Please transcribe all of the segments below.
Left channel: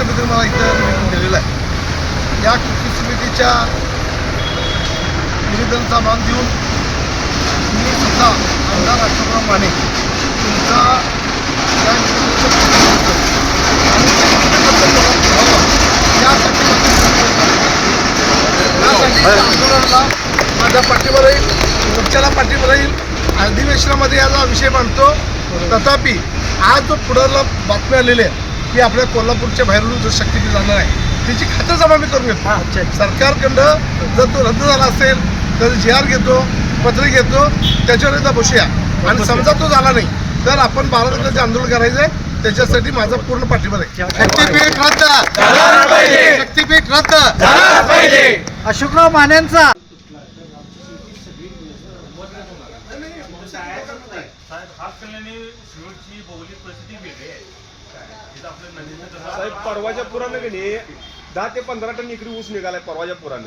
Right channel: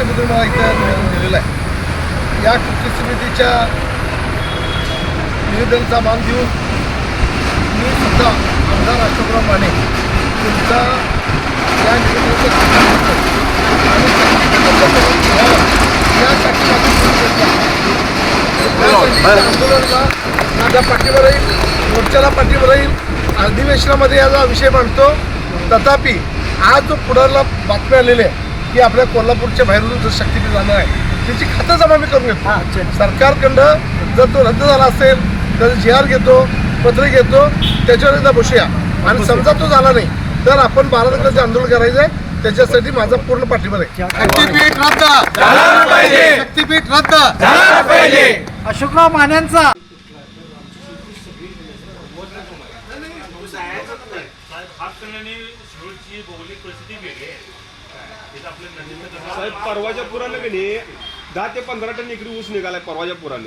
समितीने मला इथं निवेदन दिलेलं आहे. या कृती समितीच्या निवेदनाचा मान देऊन मी सुद्धा आमदार माने तुमचा या निवेदनाचं करतो. आणि खंडन व्हावं यासाठी माझा प्रयत्न करतो. त्यासाठी या आंदोलनाला माझा पाठिंबा राहील मोर्चाला पाठिंबा राहील अधिवेशनामध्ये याचा विषय मांडतो. तथापि आज जो पुढारला बातमी आलेली आहे की आपल्या कोल्हापूरच्या बाहेरून जर शक्तीपीठ जाणार आहे त्याची खातरजमा मी करून घेतो. सरकारकडं जर तो रद्द झाला असेल तर जी आर घेतो पत्र घेतो त्याच्यावर एकदा बसूया. आणि समजा तो झाला नाही तर आपण बारा आंदोलन करायचं आहे त्याच्यासाठी माझा पूर्ण पाठिंबा आहे. शक्तीपीठ रद्द! शक्तीपीठ रद्द! अशोकराव मान्यांचा. भौगोलिक साहेब परवाच्या पुरानं की नाही? दहा ते पंधरा टन इकडे ऊस निघालाय परवाच्या पुरानं.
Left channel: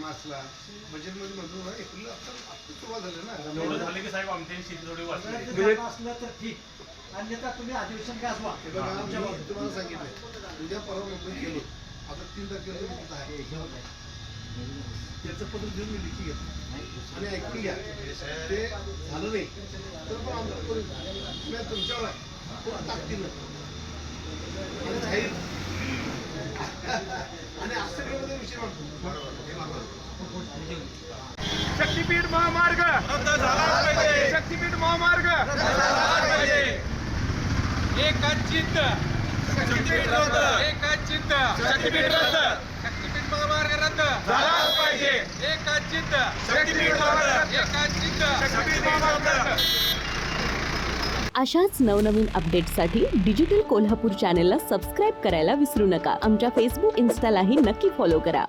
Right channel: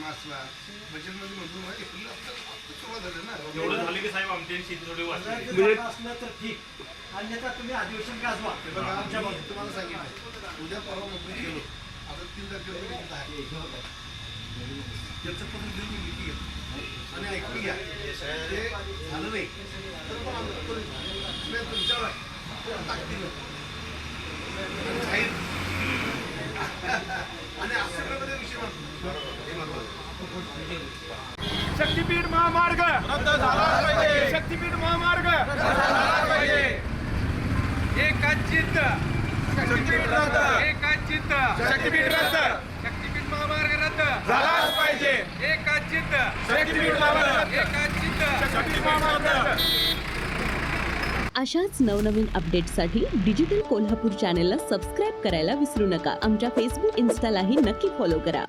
मासला बजेटमध्ये मंजूर आहे एप्रिल सुरुवात झाली ना. एवढं झालं की साहेब आमची शेती थोडी वाचली. असलं तर ठीक. अन्यथा तुम्ही अधिवेशन गाजवा तुम्हाला सांगितलं. उद्या परवा मुंबईत गेलो आता तीन तारखेला लिखित आहे. त्यांचं पत्र देऊन मी लिखी घेतो. आणि ऐकून घ्या. ते झालं नाही. तर करू. नाही, तुमच्यावर ताकदीनं आणि जाहीर आणि आज सगळ्यामध्ये विषय मांडतो हे महत्त्वाचं. शक्तीपीठ महामार्ग. शक्तीपीठ महामार्ग. एकाच चित्त एकाच चित्त शक्तीपीठ रद्द. शक्तीपीठ महामार्ग रद्द. झालाच पाहिजे. एकाच चित्त शक्तीपीठ रद्द. एकाच चित्त शक्तीपीठ रद्द. अशाच नवनवीन अपडेट्ससाठी डिजिटल कोल्हापूर चॅनेलला सबस्क्राईब करायला विसरू नका. आमच्या फेसबुक इन्स्टालाही नक्की फॉलो करा.